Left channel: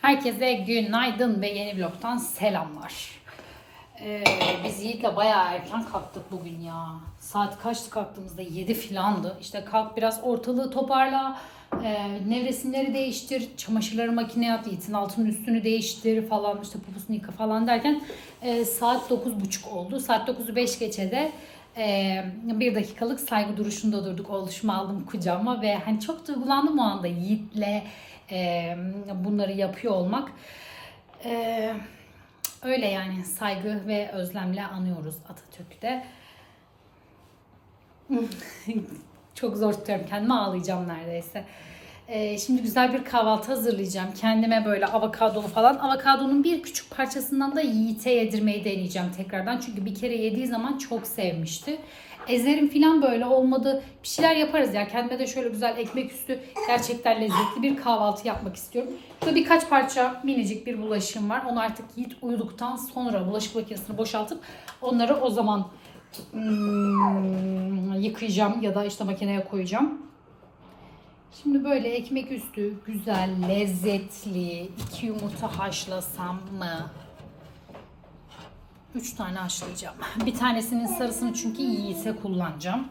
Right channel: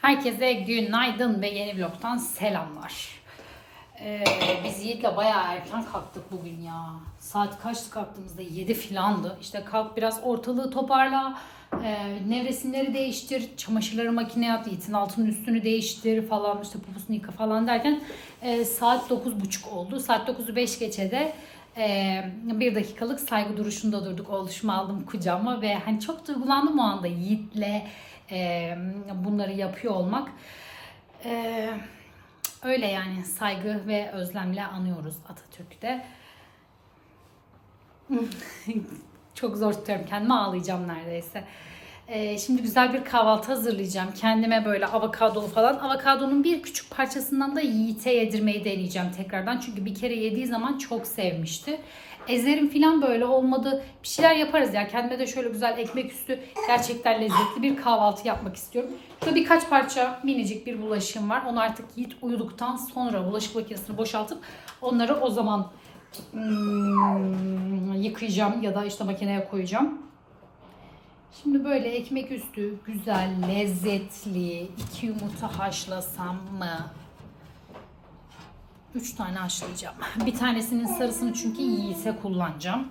Herkese günaydın ve yeni vlogtan selamlar. Ee, biz Yiğit'le bayağı erken kalktık bugün ya. Saat kaçtı kalktığımızda? 7 filandı. İşte kalk biraz ortalığı toparla. E, nevresimleri değiştir. Çamaşırları makineye at. Yiğit'in altının üstünü değiştir falan. işte poposunu yıka falan derken e, saat 9.30 oldu. Saat 9'u 5 geçe de e, bir dakikalık saygı duruşunda durduk. Oğluşumu aldım kucağıma ve hani çok duygulandım o anda Yiğit'le e, bunları yapıyor olmak. E, öyle yani saygı ve özlemle anıyoruz Atatürk'te. Çok zor tutuyorum kendimi ağlayacağım neredeyse. Ee, şimdi güzel bir kahvaltı hazırlayacağım. Kendime böyle avokadolu falan. Avokadonun bir küçük parçasından da Yiğit'e yedirmeyi deneyeceğim tekrardan. Çünkü bir kere yediği zaman çok sevmişti. Ezerim falan böyle olmadı. Bir şeyler yaparız ya. Kendime de şöyle güzel ekmek üstü gerçekten lezzetli bir kahvaltı yapmak istiyorum. Şöyle birkaç parça minicik bir bulaşığım var. Onu artık Yiğit uyuduktan sonra bulaşık makinesini boşaltıp onları o zaman hmm, yıkayacağım ya da işte makineye koyacağım. Şimdi böyle ekmek üstü güzel, lezzetli iki yumurta haşlasam mı? Üç tane haşlayacağım. Bir tanesinin sarısını çünkü yiğitse kullanacağım.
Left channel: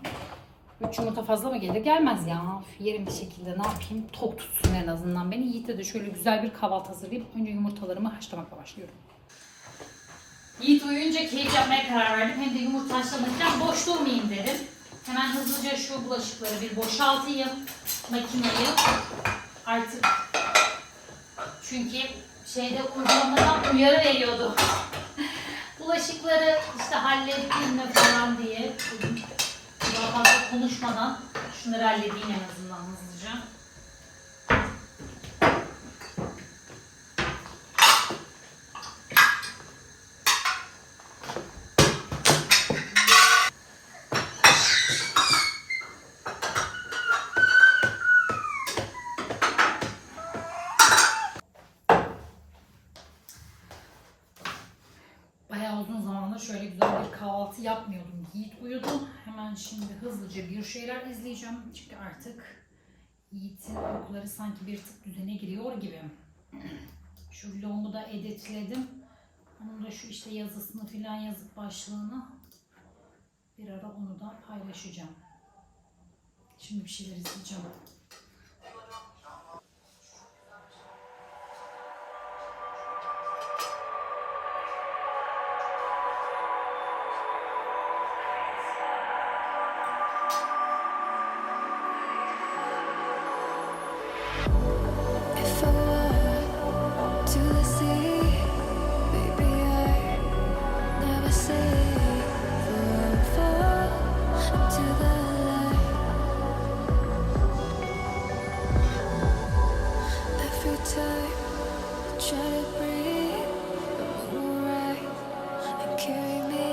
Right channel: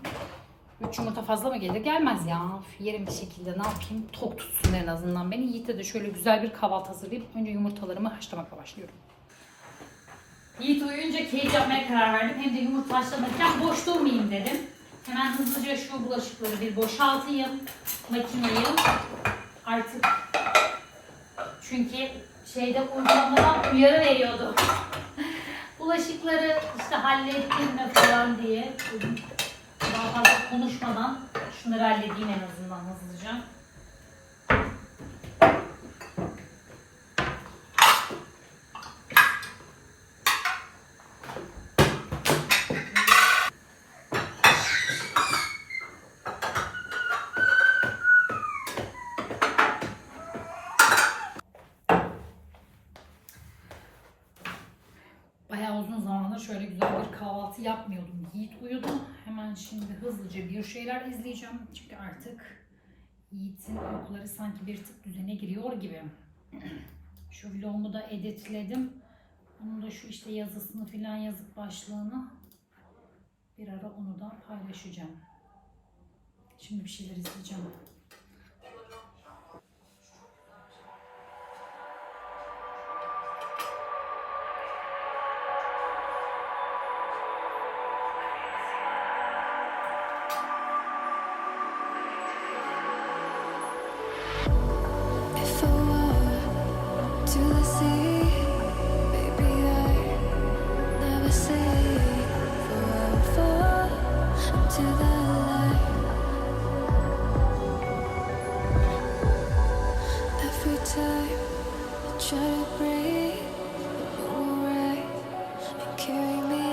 Üç yumurta fazla mı gelir? Gelmez ya. Yerim bir şekilde ne yapayım? Tok tutsun en azından beni. Yiğit'e de şöyle güzel bir kahvaltı hazırlayıp önce yumurtalarımı haşlamakla başlıyorum. Yiğit uyuyunca keyif yapmaya karar verdim. Hem de yumurta haşlanırken boş durmayayım dedim. Hemen hızlıca şu bulaşıkları bir boşaltayım. Makineyi. Artık çünkü şeyde uygulamadan uyarı veriyordu. Bulaşıkları işte hallettin mi falan diye. Daha fazla konuşmadan şunları halledeyim en azından hızlıca. Bayağı uzun zamandır şöyle güzel bir kahvaltı yapmıyordum. Yiğit uyudu. Hemen şimdi hızlıca bir şeyler izleyeceğim. Çünkü artık Yiğit'in uykuları sanki bir tık düzene giriyor gibi. Şu vlogumu da editledim. Onun da şu işte yazısını filan yazıp başlığını bir ara onu da paylaşacağım. Şimdi bir şeyler izleyeceğim. Breathe, the moon will rise and carry me.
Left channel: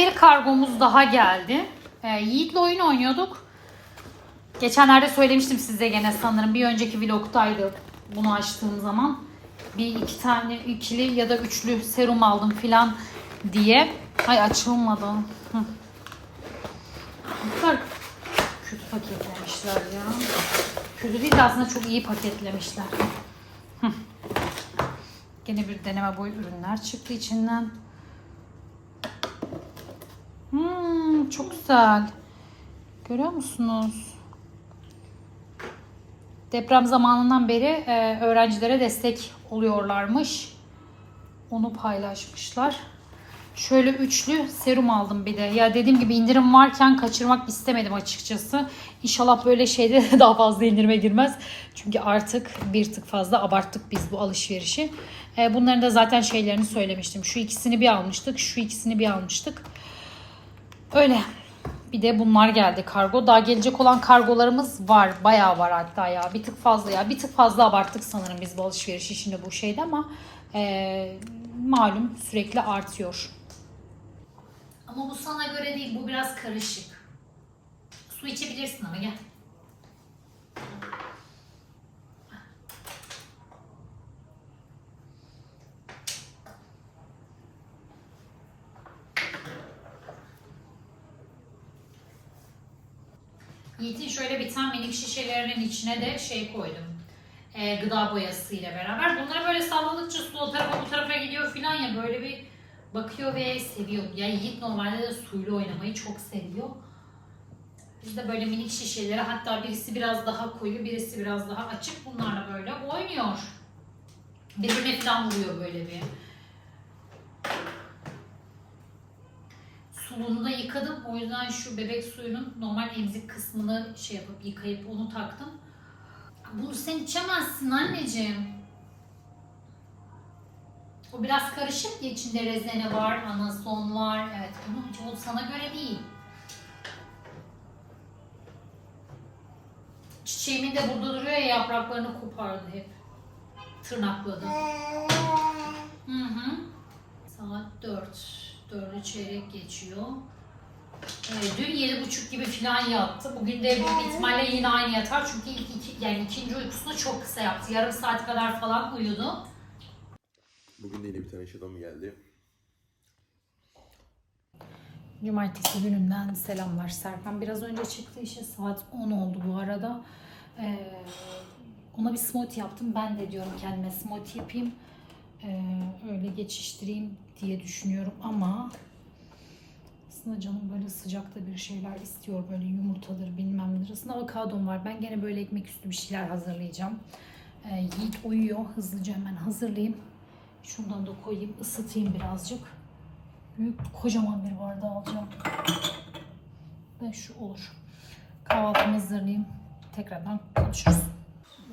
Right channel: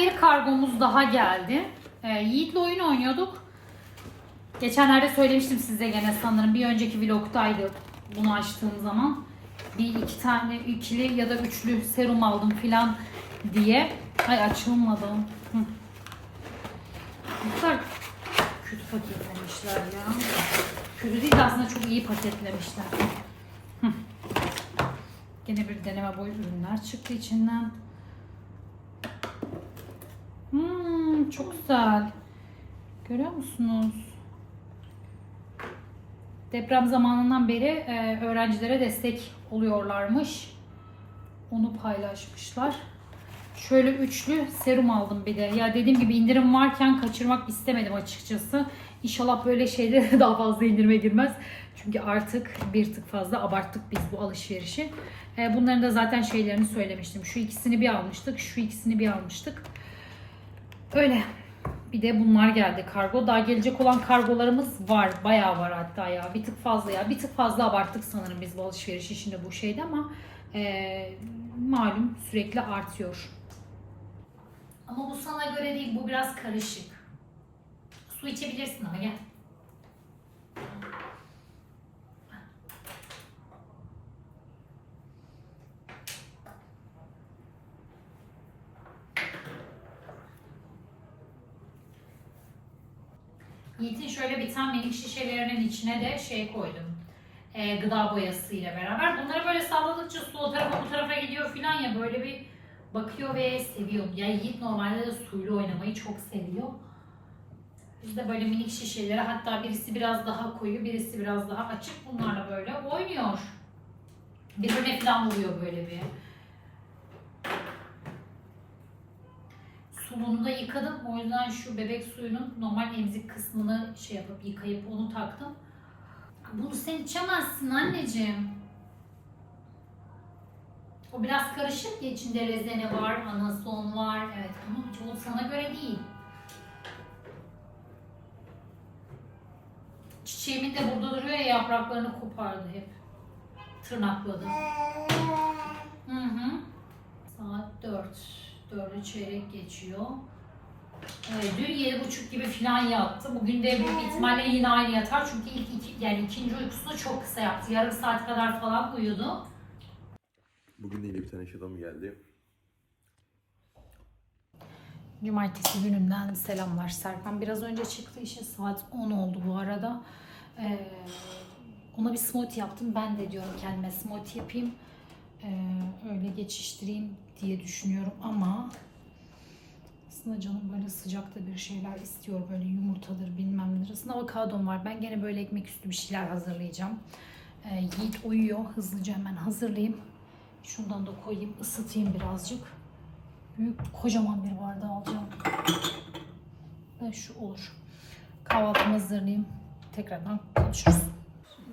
Bir kargomuz daha geldi. Ee, Yiğit'le oyun oynuyorduk. Geçenlerde söylemiştim size gene sanırım. Bir önceki vlogtaydı bunu açtığım zaman. Bir iki tane ikili ya da üçlü serum aldım filan diye. Ay açılmadı. Ne kötü paketlemişler ya. Kötü değil de aslında çok iyi paketlemişler. Gene bir deneme boyu ürünler çıktı içinden. Çok güzel. Görüyor musunuz? Deprem zamanından beri e, öğrencilere destek oluyorlarmış. Onu paylaşmışlar. Şöyle üçlü serum aldım bir de. Ya dediğim gibi indirim varken kaçırmak istemedim açıkçası. İnşallah böyle şeyde daha fazla indirime girmez. Çünkü artık bir tık fazla abarttık biz bu alışverişi. E, bunların da zaten şeylerini söylemiştim. Şu ikisini bir almıştık, şu ikisini bir almıştık. Öyle. Bir de bunlar geldi kargo. Daha gelecek olan kargolarımız var. Bayağı var hatta ya. Bir tık fazla ya. Bir tık fazla abarttık sanırım biz bu alışveriş işinde bu şeyde ama eee, malum sürekli artıyor. Ama bu sana göre değil. Bu biraz karışık. Su içebilirsin ama gel. Tane minik şişelerinin içine de şey koydum. Ee, gıda boyası ile beraber. Bunları böyle salladıkça su o tarafa bu tarafa gidiyor filan ya böyle bir bakıyor ve seviyor. Ya Yiğit normalde de suyla oynamayı çok seviyor. Biz de böyle minik şişeleri hatta birisi biraz daha koyu birisi biraz daha açık bunlarla böyle oynuyor. Birbirine falan vuruyor böyle bir. Suluğunu da yıkadım. O yüzden şu bebek suyunun normal emzik kısmını şey yapıp yıkayıp onu taktım. Bunu sen içemezsin anneciğim. O biraz karışık ya içinde rezene var, anason var. Evet ama o sana göre değil. Çiçeğimin de burada duruyor ya yapraklarını kopardı hep. Tırnakladı. Hı hı. Saat 4. 4'ü çeyrek geçiyor. Ee, dün yedi buçuk gibi falan yattı. Bugün de büyük ihtimalle yine aynı yatar. Çünkü ilk iki, yani ikinci uykusunu çok kısa yaptı. Yarım saat kadar falan uyudu. Bugün de yine bir tane şatom geldi. Cumartesi gününden selamlar. Serkan biraz önce çıktı işe saat 10 oldu bu arada. Ee, ona bir smoothie yaptım. Ben de diyorum kendime smoothie yapayım. Ee, öyle geçiştireyim diye düşünüyorum ama aslında canım böyle sıcakta bir şeyler istiyor. Böyle yumurtadır bilmem nedir. Aslında avokadom var. Ben gene böyle ekmek üstü bir şeyler hazırlayacağım. Ee, Yiğit uyuyor. Hızlıca hemen hazırlayayım. Şundan da koyayım, ısıtayım birazcık. Büyük kocaman bir bardağı alacağım. Ve şu olur. Kahvaltımı hazırlayayım. Tekrardan konuşuruz.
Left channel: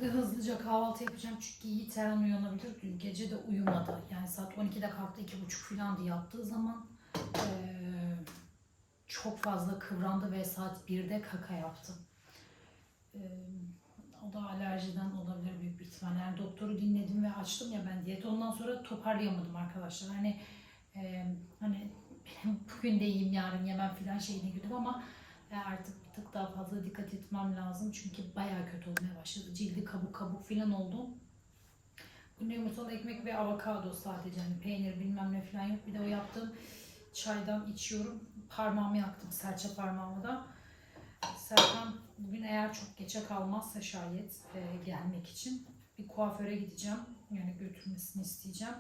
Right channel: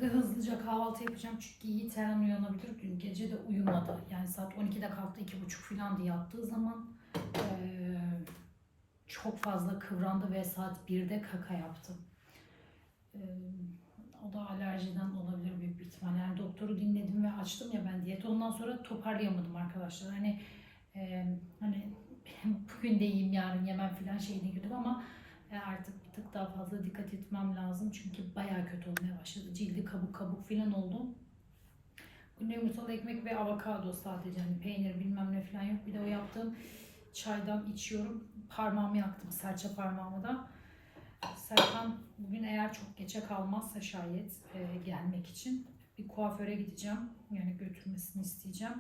Ve hızlıca kahvaltı yapacağım çünkü Yiğit her an uyanabilir. Dün gece de uyumadı. Yani saat 12'de kalktı, 2.30 falan diye yattığı zaman eee, çok fazla kıvrandı ve saat 1'de kaka yaptı. Eee, o da alerjiden olabilir büyük bir ihtimalle. Yani doktoru dinledim ve açtım ya ben diyeti. Ondan sonra toparlayamadım arkadaşlar. Hani ee, hani bugün de yiyeyim yarın yemem falan şeyine girdim ama e, artık bir tık daha fazla dikkat etmem lazım. Çünkü bayağı kötü olmaya başladı. Cildi kabuk kabuk falan oldu. Günde yumurtalı ekmek ve avokado sadece. Hani peynir bilmem ne falan yok. Bir de o yaptığım çaydan içiyorum. Parmağımı yaktım. Serçe parmağımı da. Serkan bugün eğer çok geçe kalmazsa şayet e, gelmek için bir kuaföre gideceğim. Yani götürmesini isteyeceğim.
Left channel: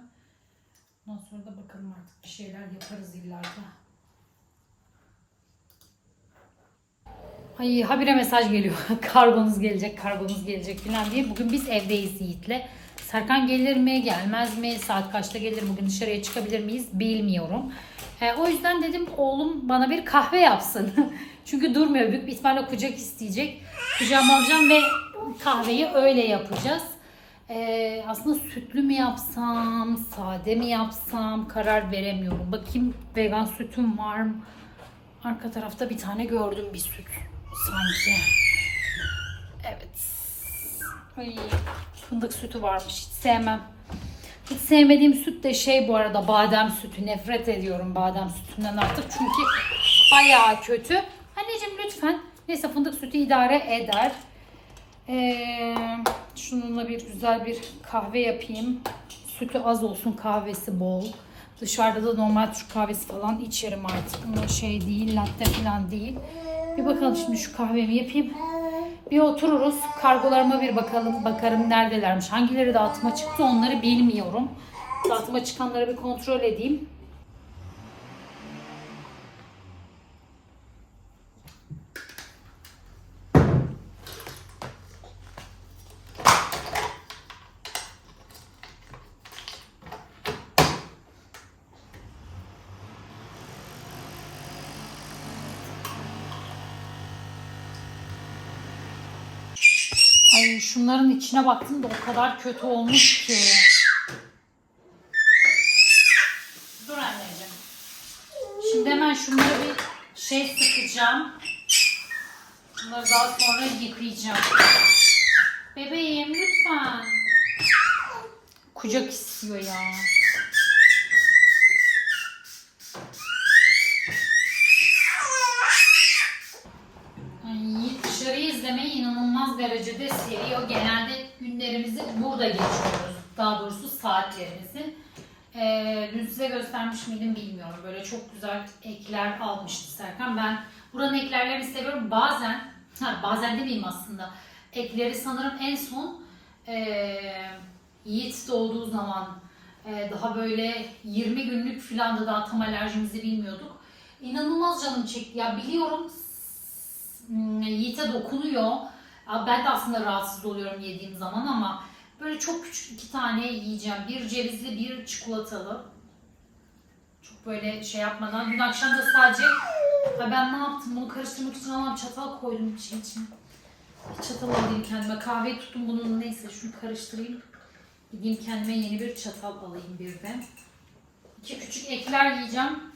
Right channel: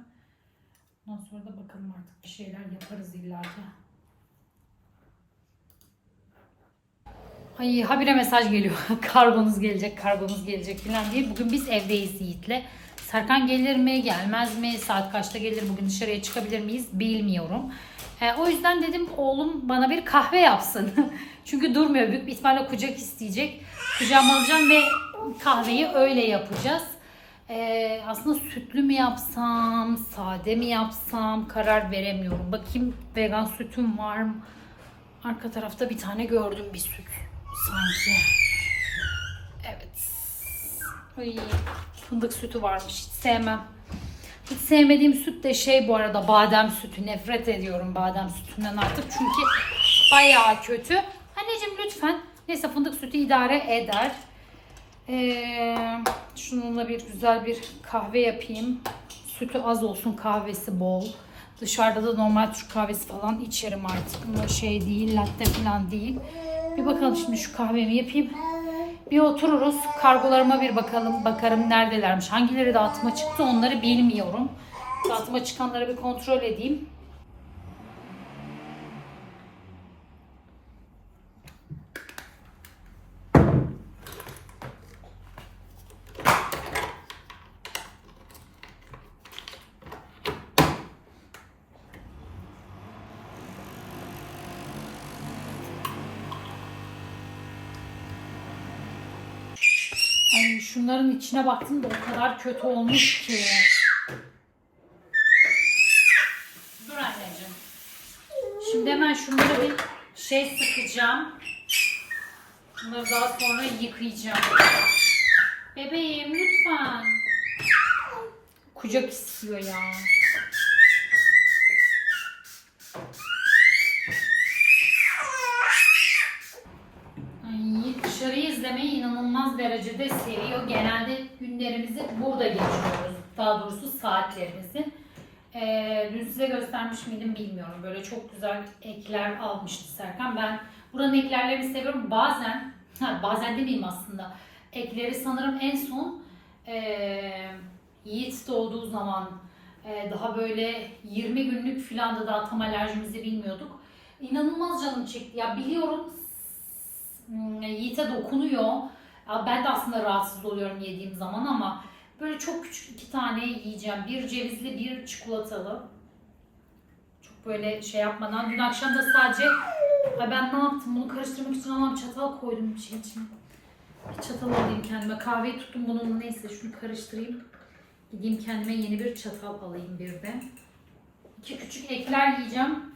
Ondan sonra da bakalım artık bir şeyler yaparız illaki. Ay habire mesaj geliyor. kargonuz gelecek, kargonuz gelecek falan diye. Bugün biz evdeyiz Yiğit'le. Serkan gelir mi, gelmez mi? Saat kaçta gelir? Bugün dışarıya çıkabilir miyiz? Bilmiyorum. E, o yüzden dedim oğlum bana bir kahve yapsın. Çünkü durmuyor. Büyük bir ihtimalle kucak isteyecek. Kucağıma alacağım ve kahveyi öyle yapacağız. Ee, aslında sütlü mü yapsam, sade mi yapsam karar veremiyorum. Bakayım vegan sütüm var mı? Arka tarafta bir tane gördüm bir süt sanki. Evet. Ay, fındık sütü varmış. Hiç sevmem. Hiç sevmediğim süt de şey bu arada badem sütü. Nefret ediyorum badem sütünden artık. Çünkü bayağı kötü. Anneciğim lütfen. Neyse fındık sütü idare eder. Ee, şununla bir güzel bir kahve yapayım. Sütü az olsun, kahvesi bol. Dışarıda da normal Türk kahvesi falan içerim artık. Şey değil, latte falan değil. Bir bakalım şimdi şu kahvemi yapayım. Bir otururuz. Kargolarıma bir bakalım. Bakarım neredelermiş. Hangileri dağıtıma çıktı onları bilmiyorum. Dağıtıma çıkanları bir kontrol edeyim. Ay şunların içine baktım da o kadar kötü olmuş ki. Dur anneciğim. Şimdi hemen şunları bir şey sıkacağım. Bunları daha sonra yıkayacağım. Bebeğim lütfen. Kucak istiyor ya. Ay, dışarıyı izlemeyi inanılmaz derecede seviyor. Genelde günlerimizi burada geçiriyoruz. Daha doğrusu saatlerimizi. Ee, dün size göstermiş miydim bilmiyorum. Böyle çok güzel ekler almıştı Serkan. Ben buranın eklerlerini seviyorum. Bazen, ha, bazen demeyeyim aslında. Ekleri sanırım en son ee, Yiğit doğduğu zaman ee, daha böyle 20 günlük filandı daha tam alerjimizi bilmiyorduk. İnanılmaz canım çekti. Ya biliyorum Hmm, Yiğit'e dokunuyor. Ben de aslında rahatsız oluyorum yediğim zaman ama böyle çok küçük iki tane yiyeceğim. Bir cevizli, bir çikolatalı. Çok böyle şey yapmadan. Dün akşam da sadece Ay ben ne yaptım? Bunu karıştırmak için Allah'ım çatal koydum bir şey içine. Bir çatal alayım kendime. Kahveyi tuttum bunun neyse şunu karıştırayım. Gideyim kendime yeni bir çatal alayım bir de. İki küçük ekler yiyeceğim.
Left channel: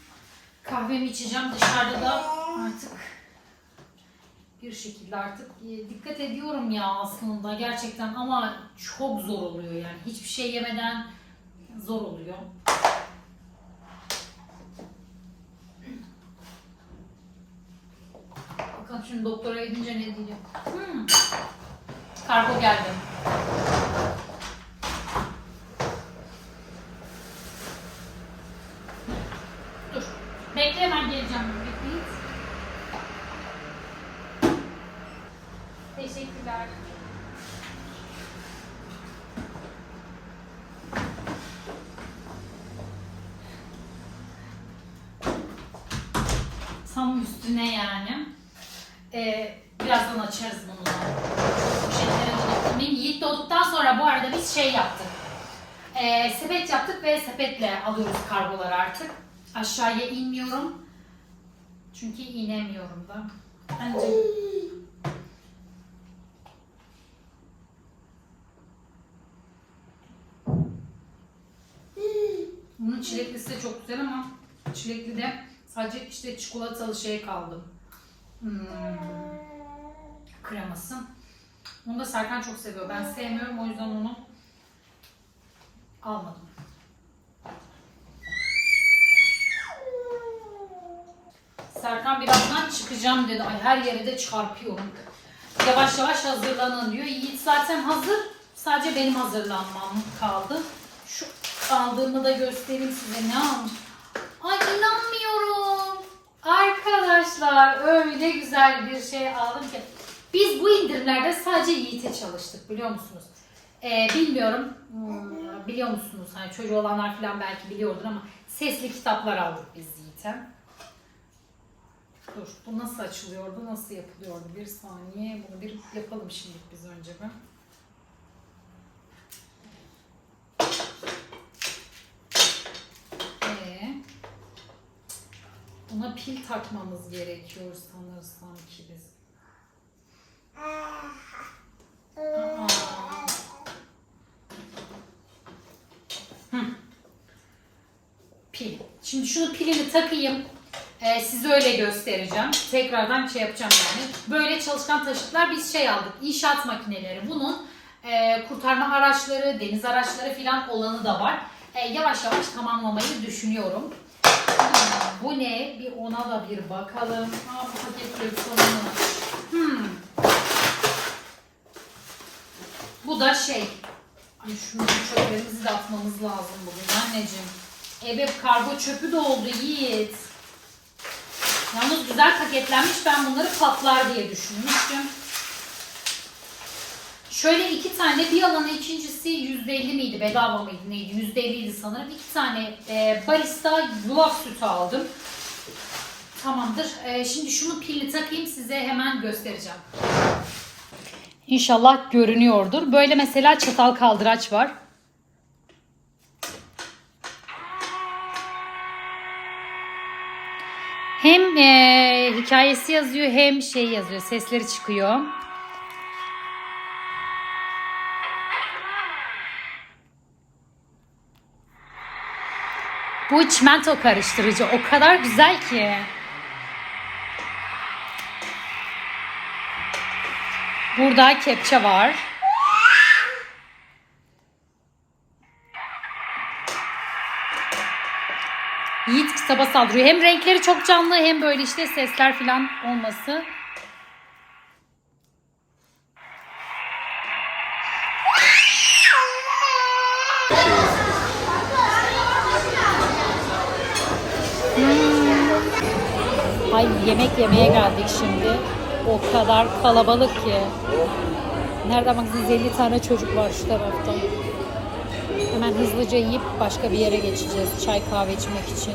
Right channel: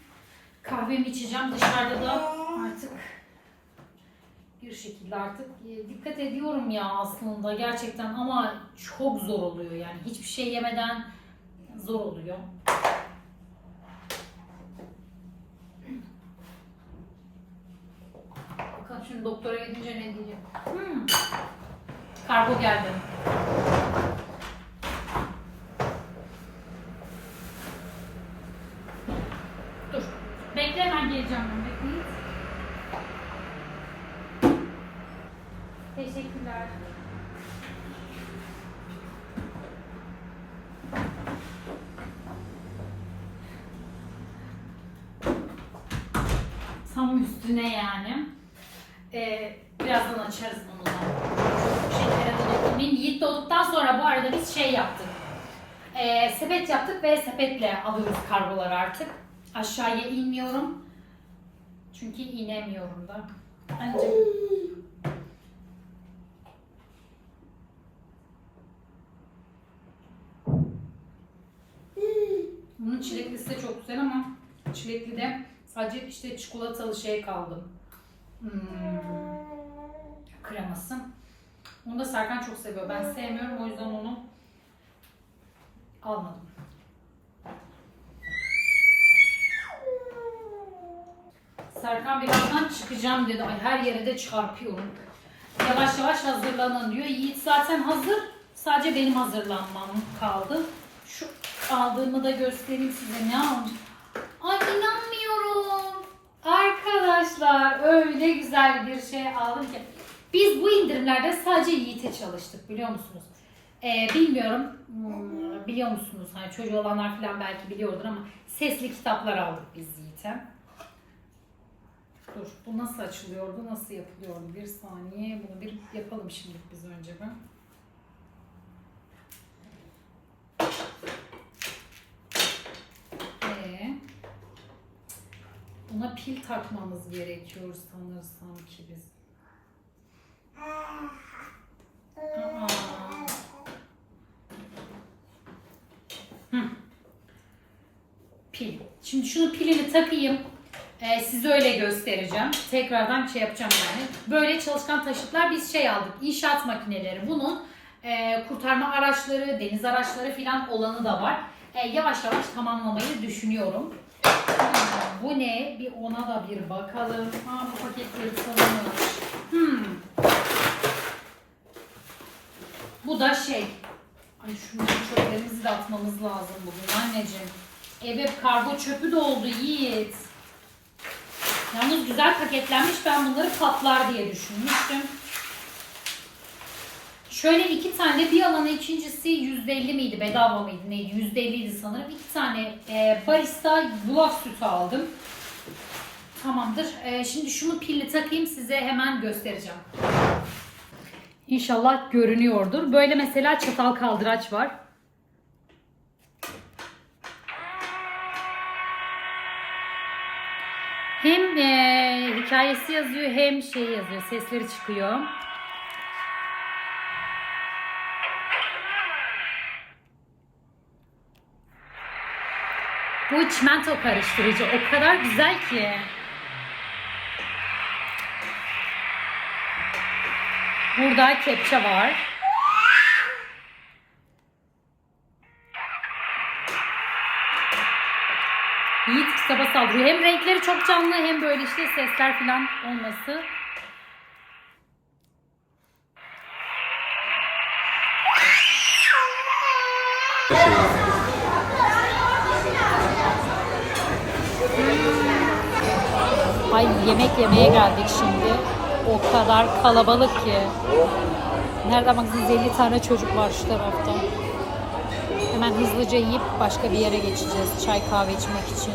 Kahvemi içeceğim. Dışarıda da artık bir şekilde artık e, dikkat ediyorum ya aslında gerçekten ama çok zor oluyor yani hiçbir şey yemeden zor oluyor. Bakalım şimdi doktora gidince ne diyecek. Hmm. Kargo geldi. Dur. Bekle hemen geleceğim. Bekleyin. Teşekkürler. Üstüne yani. Ee, birazdan açarız bunu. Bu şeylere de dokunmayayım. Yiğit doğduktan sonra bu arada biz şey yaptık. Ee, sepet yaptık ve sepetle alıyoruz kargoları artık. Aşağıya inmiyorum. Çünkü inemiyorum da. Anneciğim Bunun çileklisi de çok güzel ama çilekli de sadece işte çikolatalı şey kaldı. Hmm, kreması. Onu da Serkan çok seviyor. Ben sevmiyorum o yüzden onu almadım. Serkan birazdan çıkacağım dedi. Ay her yere de çarpıyorum. Yavaş yavaş hazırlanın diyor. Yiğit zaten hazır. Sadece benim hazırlanmam kaldı. Şu aldığımı da göstereyim size ne almış. Ay inanmıyorum. Arkadaşlar öyle güzel bir şey aldım ki. Biz bu indirimlerde sadece Yiğit'e çalıştık biliyor musunuz? Ee, bilmiyorum hmm, biliyor musunuz? Hani çocuğu olanlar falan belki biliyordur ama sesli kitaplar aldık biz Yiğit'e. Dur bu nasıl açılıyordu? Nasıl yapılıyordu? Bir saniye bunu bir yapalım şimdi biz önce bir. Ee, buna pil takmamız gerekiyor sanırsam ki biz. Aa. Pil. Şimdi şunu pilini takayım. Ee, size öyle göstereceğim. Tekrardan şey yapacağım yani. Böyle çalışkan taşıtlar biz şey aldık. İnşaat makineleri. Bunun e, kurtarma araçları, deniz araçları falan olanı da var. E, yavaş yavaş tamamlamayı düşünüyorum. Bu ne? Bir ona da bir bakalım. Aa, bu paketleri sonunu. Hmm. Bu da şey. Ay şunu çöplerimizi de atmamız lazım bugün anneciğim. Evet kargo çöpü de oldu Yiğit. Yalnız güzel paketlenmiş. Ben bunları patlar diye düşünmüştüm. Şöyle iki tane bir alanı ikincisi %50 miydi bedava mıydı neydi %50'ydi sanırım. İki tane e, barista yulaf sütü aldım. Tamamdır. E, şimdi şunu pilli takayım size hemen göstereceğim. İnşallah görünüyordur. Böyle mesela çatal kaldıraç var. Hem e, hikayesi yazıyor hem şey yazıyor. Sesleri çıkıyor. Bu çimento karıştırıcı o kadar güzel ki. Burada kepçe var. Yiğit kitaba saldırıyor. Hem renkleri çok canlı hem böyle işte sesler falan olması yemek yemeye geldik şimdi. O kadar kalabalık ki. Nereden baksanız 50 tane çocuk var şu tarafta. Hemen hızlıca yiyip başka bir yere geçeceğiz. Çay kahve içmek için.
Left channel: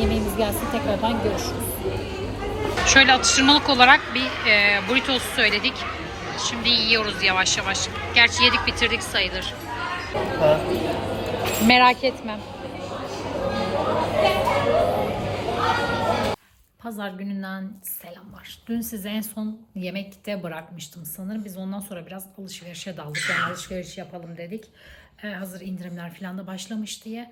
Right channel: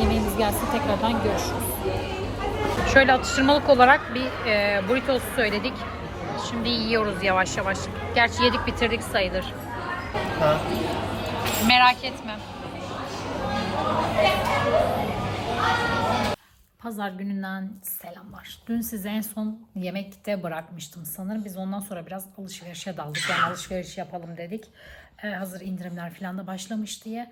Yemeğimiz gelsin tekrardan görüşürüz. Şöyle atıştırmalık olarak bir e, burritos söyledik. Şimdi yiyoruz yavaş yavaş. Gerçi yedik bitirdik sayılır. Merak etme. Pazar gününden selamlar. Dün size en son yemekte bırakmıştım sanırım. Biz ondan sonra biraz alışverişe daldık. Yani alışveriş yapalım dedik. Ee, hazır indirimler falan da başlamış diye.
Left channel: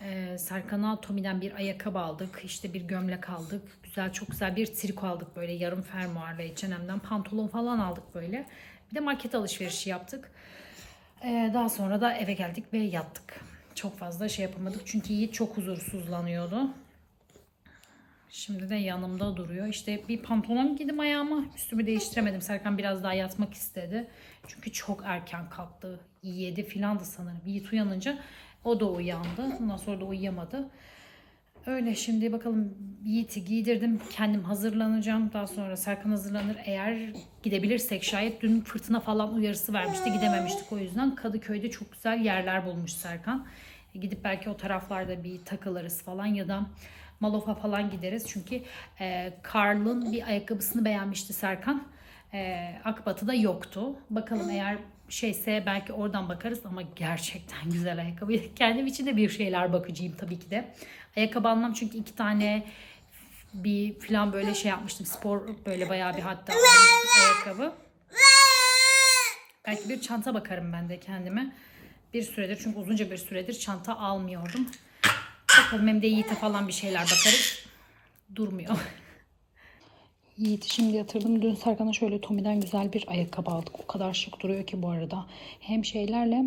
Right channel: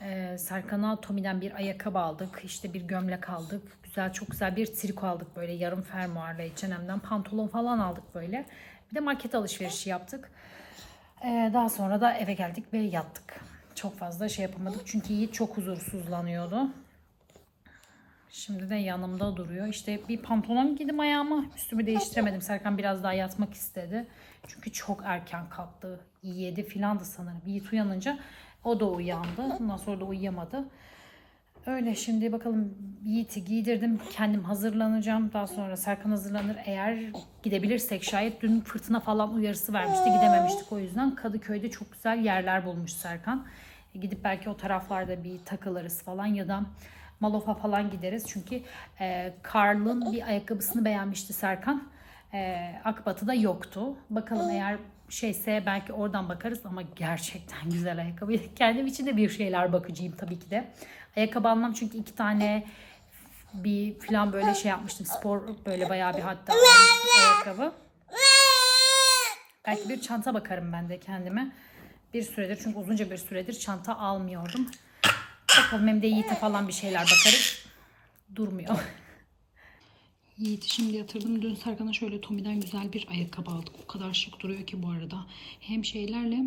Ee, Serkan'a Tommy'den bir ayakkabı aldık. İşte bir gömlek aldık. Güzel çok güzel bir triko aldık böyle yarım fermuarla H&M'den pantolon falan aldık böyle. Bir de market alışverişi yaptık. Ee, daha sonra da eve geldik ve yattık. Çok fazla şey yapamadık çünkü Yiğit çok huzursuzlanıyordu. Şimdi de yanımda duruyor. İşte bir pantolon giydim ayağıma. Üstümü değiştiremedim. Serkan biraz daha yatmak istedi. Çünkü çok erken kalktı. 7 filandı sanırım. Yiğit uyanınca o da uyandı. Ondan sonra da uyuyamadı. Öyle şimdi bakalım Yiğit'i giydirdim. Kendim hazırlanacağım. Daha sonra Serkan hazırlanır. Eğer gidebilirsek şayet dün fırtına falan uyarısı vermişti. Gidememiştik o yüzden. Kadıköy'de çok güzel yerler bulmuş Serkan. E, Gidip belki o taraflarda bir takılırız falan ya da Malof'a falan gideriz. Çünkü e, Karl'ın bir ayakkabısını beğenmişti Serkan. E, Akbatı'da yoktu. Bakalım eğer şeyse belki oradan bakarız ama gerçekten güzel ayakkabı. Kendim için de bir şeyler bakıcıyım tabii ki de. Ayakkabı almam çünkü iki tane bir falan böyle şey yapmıştım. Spor böyle bayağı bir hatta ayakkabı. Belki bir çanta bakarım ben de kendime. Bir süredir çünkü uzunca bir süredir çanta almıyordum. Bakalım hem de Yiğit'e falan bir şeyler bakarız. Durmuyor. Yiğit'i şimdi yatırdım. Dün Serkan'a şöyle Tommy'den güzel bir ayakkabı aldık. O kadar şık duruyor ki bu arada. Hem şeylerle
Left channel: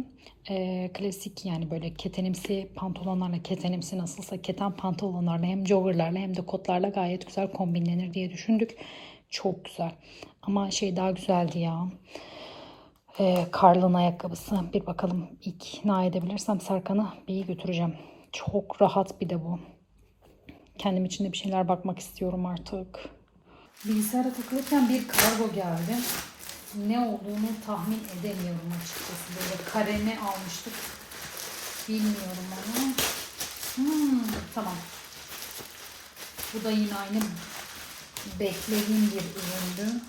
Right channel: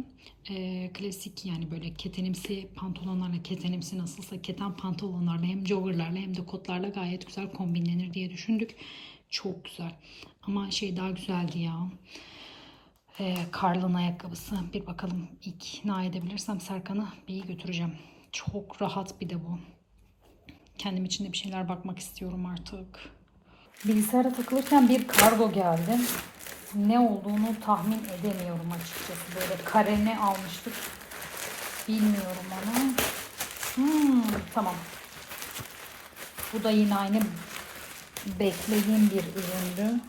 e, klasik yani böyle ketenimsi pantolonlarla ketenimsi nasılsa keten pantolonlarla hem joggerlarla hem de kotlarla gayet güzel kombinlenir diye düşündük. Çok güzel. Ama şey daha güzeldi ya. E, Karl'ın ayakkabısı. Bir bakalım ikna edebilirsem Serkan'ı bir götüreceğim. Çok rahat bir de bu. Kendim için de bir şeyler bakmak istiyorum artık. Bilgisayara takılırken bir kargo geldi. Ne olduğunu tahmin edemiyorum açıkçası. Böyle karene almıştık. Bilmiyorum ama. Hmm, tamam. Bu da yine aynı beklediğim bir üründü.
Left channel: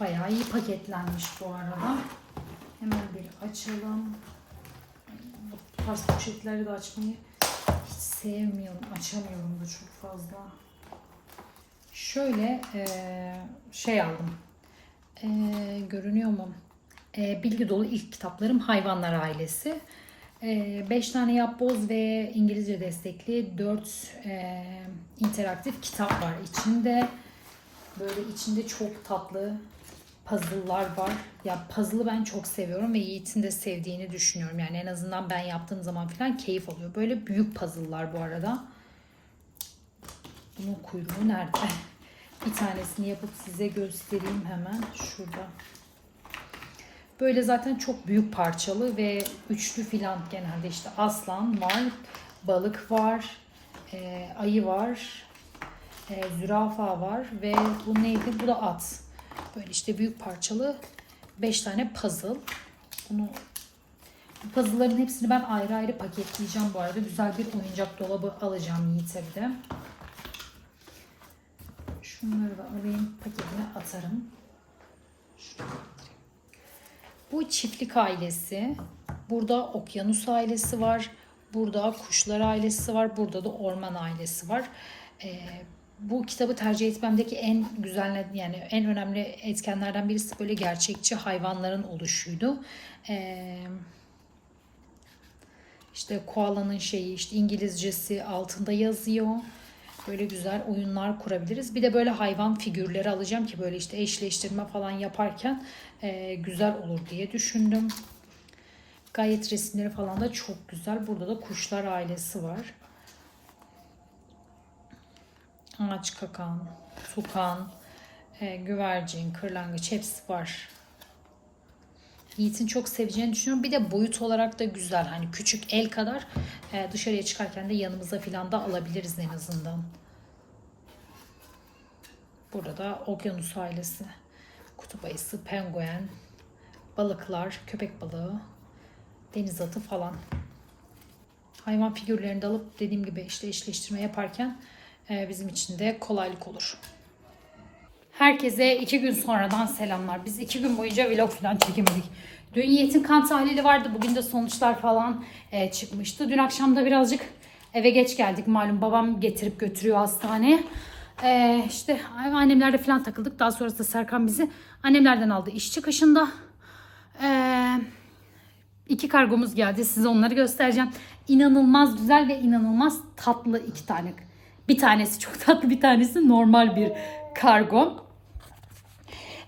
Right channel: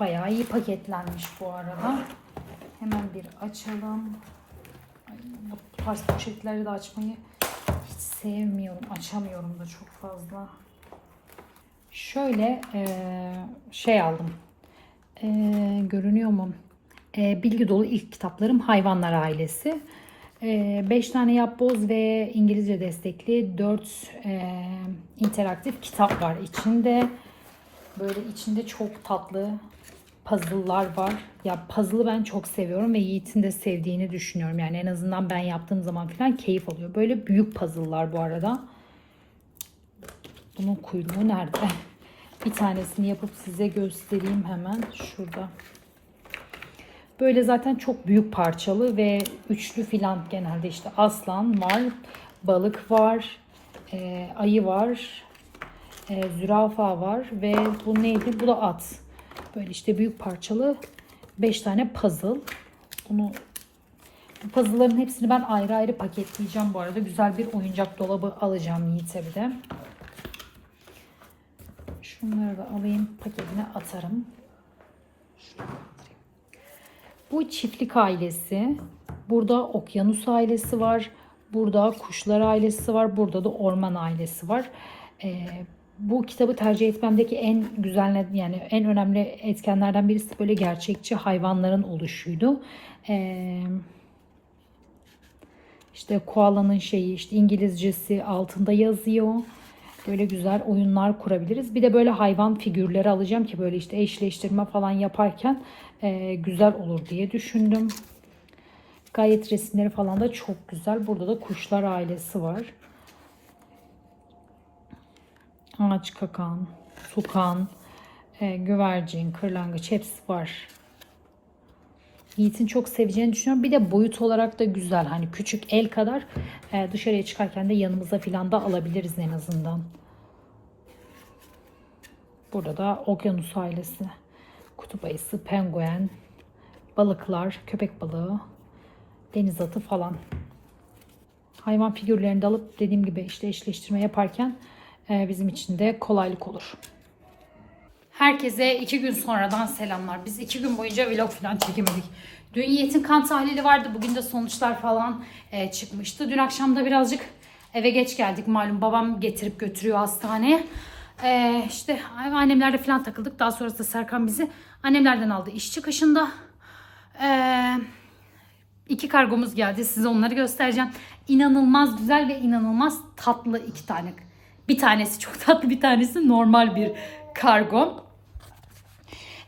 Bayağı iyi paketlenmiş bu arada. Hemen bir açalım. Tarz poşetleri de açmayı hiç sevmiyorum. Açamıyorum da çok fazla. Şöyle eee, şey aldım. Eee, görünüyor mu? Eee, bilgi dolu ilk kitaplarım Hayvanlar Ailesi. 5 tane yapboz ve İngilizce destekli 4 interaktif kitap var içinde. Böyle içinde çok tatlı puzzle'lar var. Ya puzzle'ı ben çok seviyorum ve Yiğit'in de sevdiğini düşünüyorum. Yani en azından ben yaptığım zaman falan keyif alıyor. Böyle büyük puzzle'lar bu arada. Bunun kuyruğu nerede? Bir tanesini yapıp size göstereyim hemen. Şurada. Böyle zaten çok büyük parçalı ve üçlü filan genelde işte aslan var, balık var, e, ayı var, e, zürafa var ve bu neydi? Bu da at. Böyle işte büyük parçalı 5 tane puzzle. Bunu bu puzzle'ların hepsini ben ayrı ayrı paketleyeceğim bu arada. Güzel bir oyuncak dolabı alacağım Yiğit'e bir de. Şunları da alayım paketine atarım. Bu çiftlik ailesi. Burada okyanus ailesi var. Burada kuşlar ailesi var. Burada da orman ailesi var. Ee, bu kitabı tercih etmemdeki en güzel yani en önemli etkenlerden birisi böyle gerçekçi hayvanların oluşuydu. Ee, işte koalanın şeyi işte İngilizcesi altında yazıyor. Böyle güzel oyunlar kurabiliriz. Bir de böyle hayvan figürleri alacağım ki böyle işte eşleştirme falan yaparken e, güzel olur diye düşündüm. Gayet resimleri falan da çok güzel. Burada da kuşlar ailesi var. Ağaç kakan, tukan, e, güvercin, kırlangıç hepsi var. Yiğit'in çok seveceğini düşünüyorum. Bir de boyut olarak da güzel. Hani küçük el kadar e, dışarıya çıkarken de yanımıza filan da alabiliriz en azından. Burada da okyanus ailesi. Kutup ayısı, penguen, balıklar, köpek balığı, deniz atı falan. Hayvan figürlerini de alıp dediğim gibi işte eşleştirme yaparken bizim için de kolaylık olur. Herkese iki gün sonradan selamlar. Biz iki gün boyunca vlog falan çekemedik. Dün Yiğit'in kan tahlili vardı. Bugün de sonuçlar falan e, çıkmıştı. Dün akşam da birazcık eve geç geldik. Malum babam getirip götürüyor hastaneye. E, işte annemlerle falan takıldık. Daha sonrasında Serkan bizi annemlerden aldı iş çıkışında. Eee İki kargomuz geldi. Size onları göstereceğim. İnanılmaz güzel ve inanılmaz tatlı iki tane. Bir tanesi çok tatlı, bir tanesi normal bir kargo.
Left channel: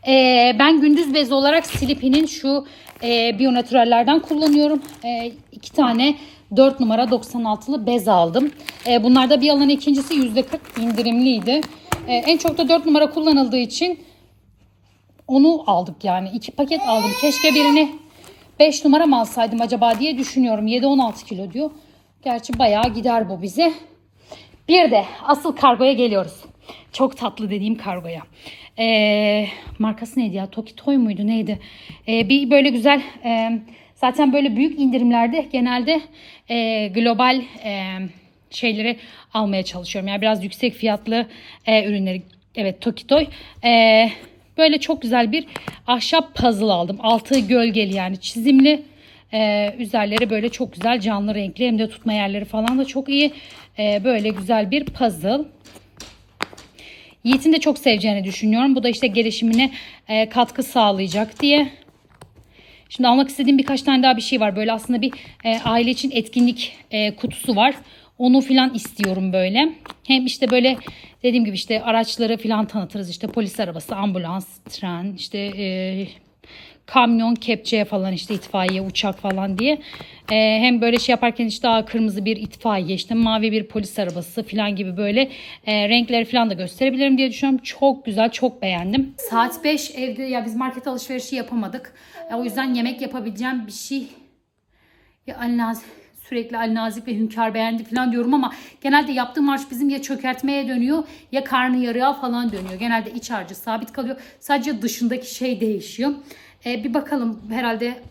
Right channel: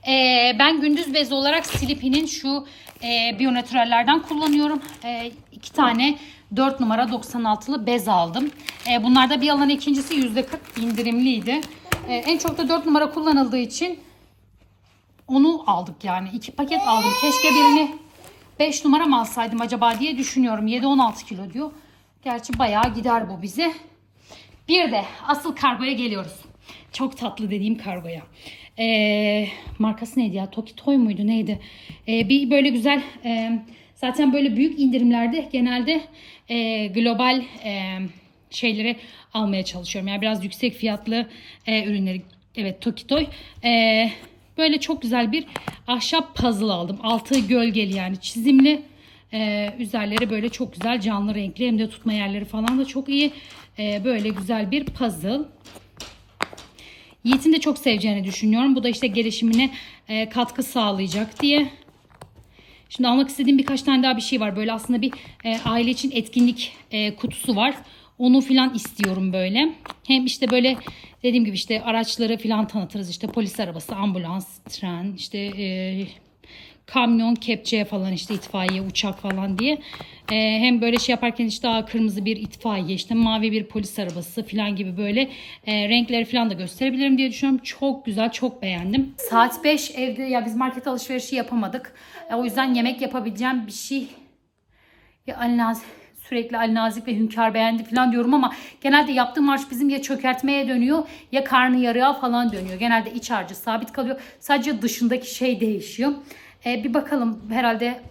Ee, ben gündüz bezi olarak Silipi'nin şu e, Bionatürellerden kullanıyorum. E, iki tane 4 numara 96'lı bez aldım. E, bunlarda bir alan ikincisi %40 indirimliydi. E, en çok da 4 numara kullanıldığı için onu aldık yani. iki paket aldım. Keşke birini 5 numara mı alsaydım acaba diye düşünüyorum. 7-16 kilo diyor. Gerçi bayağı gider bu bize. Bir de asıl kargoya geliyoruz. Çok tatlı dediğim kargoya. Ee, markası neydi ya? Tokitoy muydu neydi? Ee, bir böyle güzel e, zaten böyle büyük indirimlerde genelde e, global e, şeyleri almaya çalışıyorum. Yani biraz yüksek fiyatlı e, ürünleri. Evet Tokitoy. E, böyle çok güzel bir ahşap puzzle aldım. Altı gölgeli yani çizimli. Ee, üzerleri böyle çok güzel canlı renkli hem de tutma yerleri falan da çok iyi. Ee, böyle güzel bir puzzle. Yiğit'in de çok seveceğini düşünüyorum. Bu da işte gelişimine e, katkı sağlayacak diye. Şimdi almak istediğim birkaç tane daha bir şey var. Böyle aslında bir e, aile için etkinlik e, kutusu var. Onu filan istiyorum böyle. Hem işte böyle dediğim gibi işte araçları filan tanıtırız. İşte polis arabası, ambulans, tren, işte e, kamyon, kepçe falan işte itfaiye, uçak falan diye. E, hem böyle şey yaparken işte aa, kırmızı bir itfaiye, işte mavi bir polis arabası falan gibi böyle e, renkleri falan da gösterebilirim diye düşünüyorum. Çok güzel, çok beğendim. Saat 5 evde ya biz market alışverişi yapamadık. E, o yüzden yemek yapabileceğim bir şey ya Ali sürekli Ali Nazik ve Hünkar beğendi falan diyorum ama genelde yaptığım marş bizim ya çökertmeye dönüyor ya karnı yarıya falan dönüyor. Genelde iç harcı sabit kalıyor. Sadece dışındaki şey değişiyor. Ee, bir bakalım herhalde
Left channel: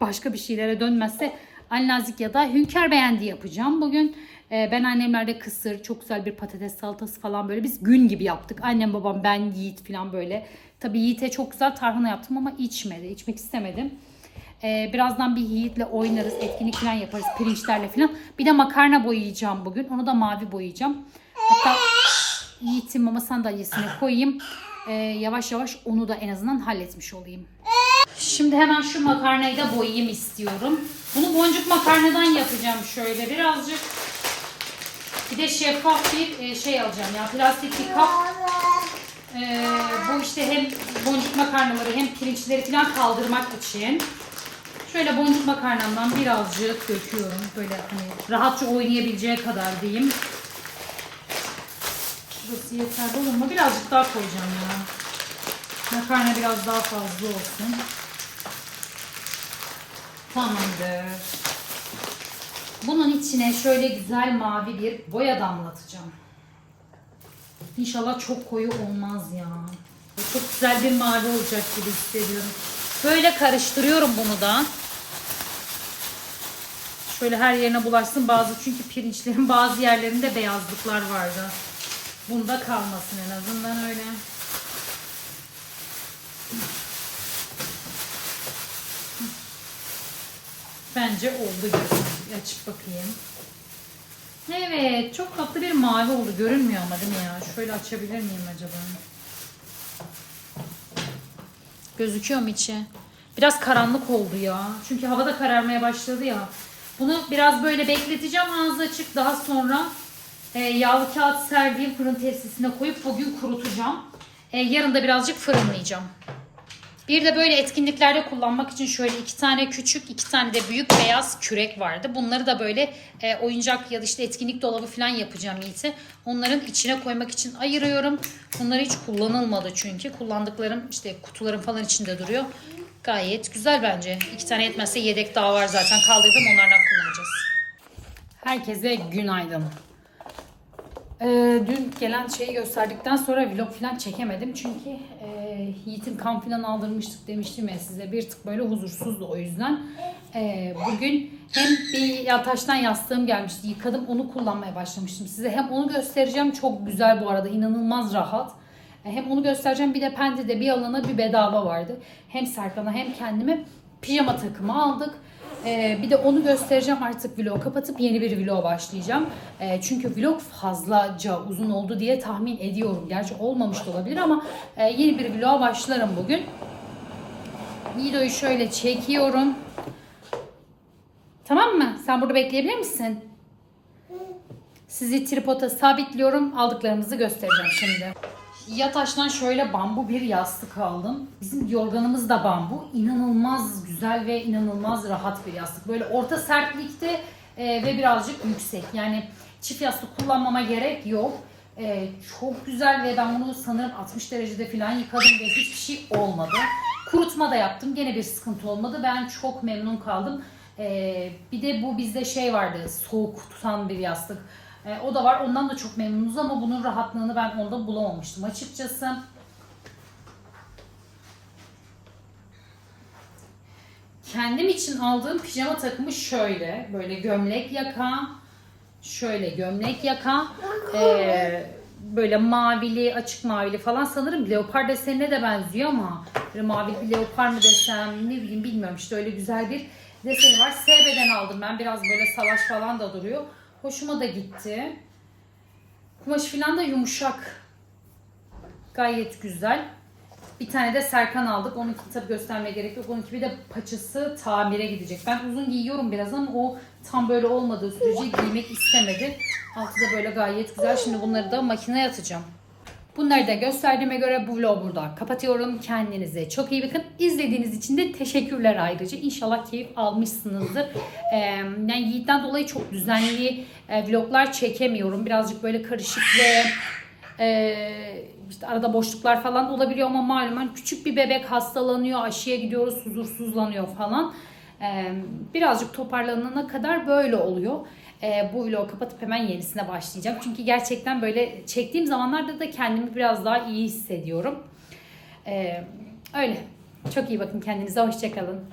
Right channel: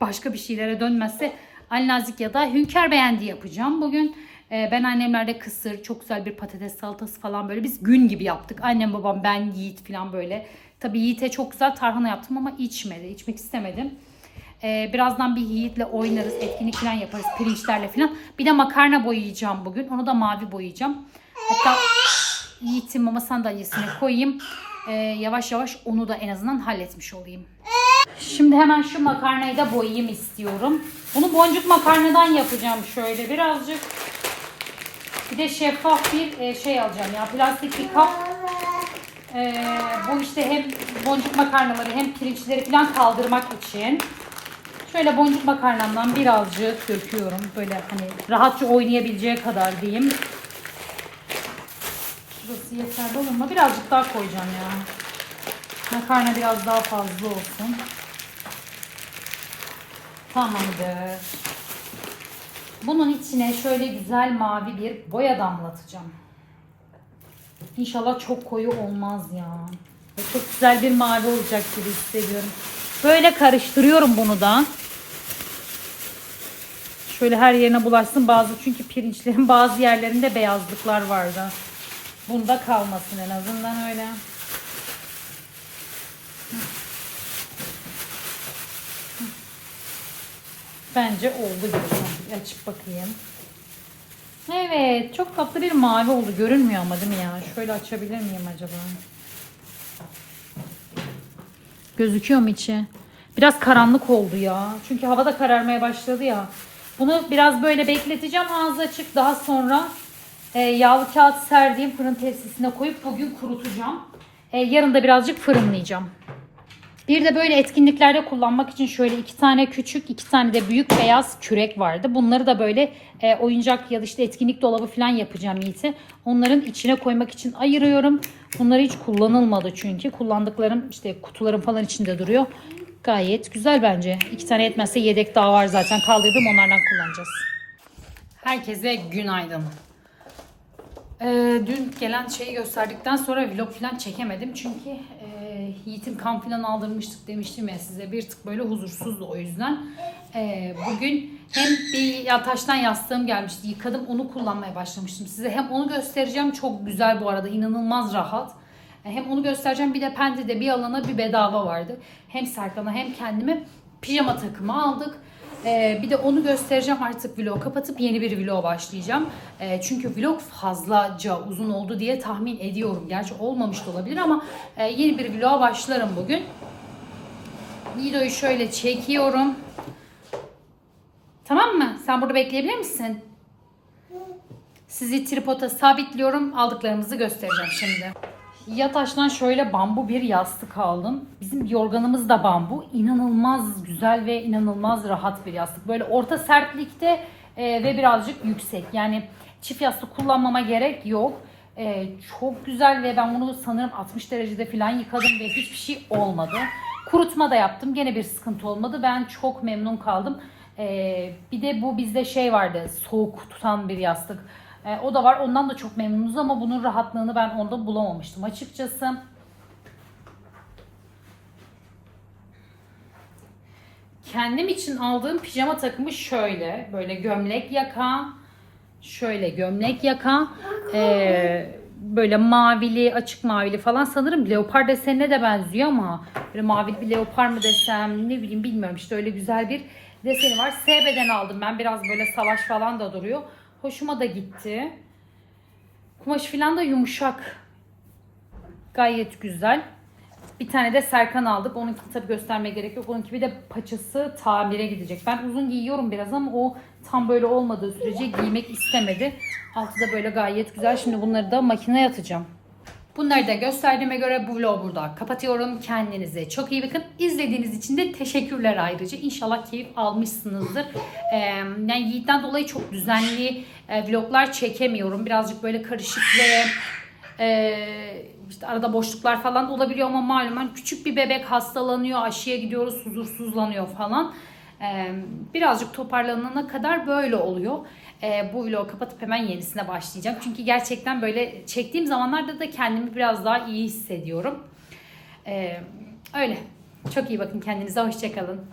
başka bir şeylere dönmezse Ali Nazik ya da Hünkar beğendi yapacağım bugün. Ee, ben annemlerde kısır, çok güzel bir patates salatası falan böyle biz gün gibi yaptık. Annem babam ben Yiğit falan böyle. Tabii Yiğit'e çok güzel tarhana yaptım ama içmedi. içmek istemedim. Ee, birazdan bir Yiğit'le oynarız. Etkinlik falan yaparız pirinçlerle falan. Bir de makarna boyayacağım bugün. Onu da mavi boyayacağım. Hatta Yiğit'in mama sandalyesine koyayım. Ee, yavaş yavaş onu da en azından halletmiş olayım. Şimdi hemen şu makarnayı da boyayayım istiyorum. Bunu boncuk makarnadan yapacağım şöyle birazcık. Bir de şeffaf bir e, şey alacağım ya plastik bir kap. Ee, bu işte hem boncuk makarnaları hem pirinçleri falan kaldırmak için. Şöyle boncuk makarnamdan birazcık döküyorum. Böyle hani rahatça oynayabileceği kadar diyeyim. Burası yeterli olur mu? Birazcık daha koyacağım ya. Makarna biraz daha fazla olsun. Tamamdır. Bunun içine şöyle güzel mavi bir boya damlatacağım. İnşallah çok koyu olmaz ya. Çok güzel bir mavi olacak gibi hissediyorum. Böyle karıştırıyorum bunu da. Şöyle her yerine bulaşsın bazı çünkü pirinçlerin bazı yerlerinde beyazlıklar vardı. Bunda kalmasın en azından öyle. Bence oldu gibi. Açıp bakayım. Evet. Çok tatlı bir mavi oldu. Görünmüyor ama değil mi ya? Şöyle açabilir miyim acaba? Gözüküyor mu içi? Biraz karanlık oldu ya. Çünkü hava da kararmaya başladı ya. Bunu biraz böyle bekleteceğim ağzı açık. Daha sonra e, yağlı kağıt serdiğim fırın tepsisine koyup bugün kurutacağım. E, yarın da birazcık fırınlayacağım. Bir de böyle etkinliklerde kullanmak için şöyle iki tane küçük, iki tane de büyük beyaz kürek vardı. Bunları da böyle e, oyuncak ya da işte etkinlik dolabı falan yapacağım Yiğit'e. Onların içine koymak için ayırıyorum. Bunları hiç kullanılmadı çünkü. Kullandıklarım işte kutuların falan içinde duruyor. Gayet güzel bence. İki tane yetmezse yedek daha var zaten. Kaldırdım onlardan kullanacağız. Herkese günaydın. Ee, dün gelen şeyi gösterdikten sonra vlog falan çekemedim. Çünkü e, Yiğit'in kan falan aldırmıştık demiştim ya size. Bir tık böyle huzursuzdu o yüzden. Ee, bugün hem bir yataştan yastığım gelmişti. Yıkadım onu kullanmaya başlamıştım size. Hem onu göstereceğim. Çok güzel bu arada. inanılmaz rahat. E, Hem onu göstereceğim bir de Pendi'de bir alana bir bedava vardı. Hem Serkan'a hem kendime pijama takımı aldık. Ee, bir de onu göstereceğim artık vlog kapatıp yeni bir vlog başlayacağım. Ee, çünkü vlog fazlaca uzun oldu diye tahmin ediyorum. Gerçi olmamış da olabilir ama e, yeni bir vloga başlarım bugün. Videoyu şöyle çekiyorum. Tamam mı? Sen burada bekleyebilir misin? Sizi tripoda sabitliyorum. Aldıklarımızı göstereceğim şimdi. Yataş'tan şöyle bambu bir yastık aldım. Bizim yorganımız da bambu. İnanılmaz güzel ve inanılmaz rahat bir yastık. Böyle orta sertlikte e, ve birazcık yüksek. Yani çift yastık kullanmama gerek yok. E, çok güzel ve ben bunu sanırım 60 derecede falan yıkadım ve hiçbir şey olmadı. Kurutma da yaptım. Gene bir sıkıntı olmadı. Ben çok memnun kaldım. E, bir de bu bizde şey vardı. Soğuk tutan bir yastık. E, o da var. Ondan da çok memnunuz ama bunun rahatlığını ben onda bulamamıştım açıkçası. Kendim için aldığım pijama takımı şöyle. Böyle gömlek yaka. Şöyle gömlek yaka. e, böyle mavili, açık mavili falan. Sanırım leopar desenine de benziyor ama böyle mavili bir leopar mı desem ne bileyim bilmiyorum. İşte öyle güzel bir deseni var. SB'den aldım ben. Biraz böyle salaş falan da duruyor. Hoşuma da gitti. Kumaş falan da yumuşak. Gayet güzel. Bir tane de Serkan aldık. Onunki tabii göstermeye gerek yok. Onunki bir de paçası tamire gidecek. Ben uzun giyiyorum biraz ama o tam böyle olmadığı sürece giymek istemedi. Altı da böyle gayet güzel. Şimdi bunları da makineye atacağım. Bunları da gösterdiğime göre bu vlogu burada kapatıyorum. Kendinize çok iyi bakın. İzlediğiniz için de teşekkürler ayrıca. İnşallah keyif almışsınızdır. Ee, yani Yiğit'ten dolayı çok düzenli e, vloglar çekemiyorum. Birazcık böyle karışık ve e, işte arada boşluklar falan olabiliyor ama malumen küçük bir bebek hastalanıyor, aşıya gidiyoruz, huzursuzlanıyor falan. Ee, birazcık toparlanana kadar böyle oluyor. Ee, bu vlogu kapatıp hemen yenisine başlayacağım. Çünkü gerçekten böyle çektiğim zamanlarda da kendimi biraz daha iyi hissediyorum. Ee, öyle. Çok iyi bakın kendinize. Hoşçakalın.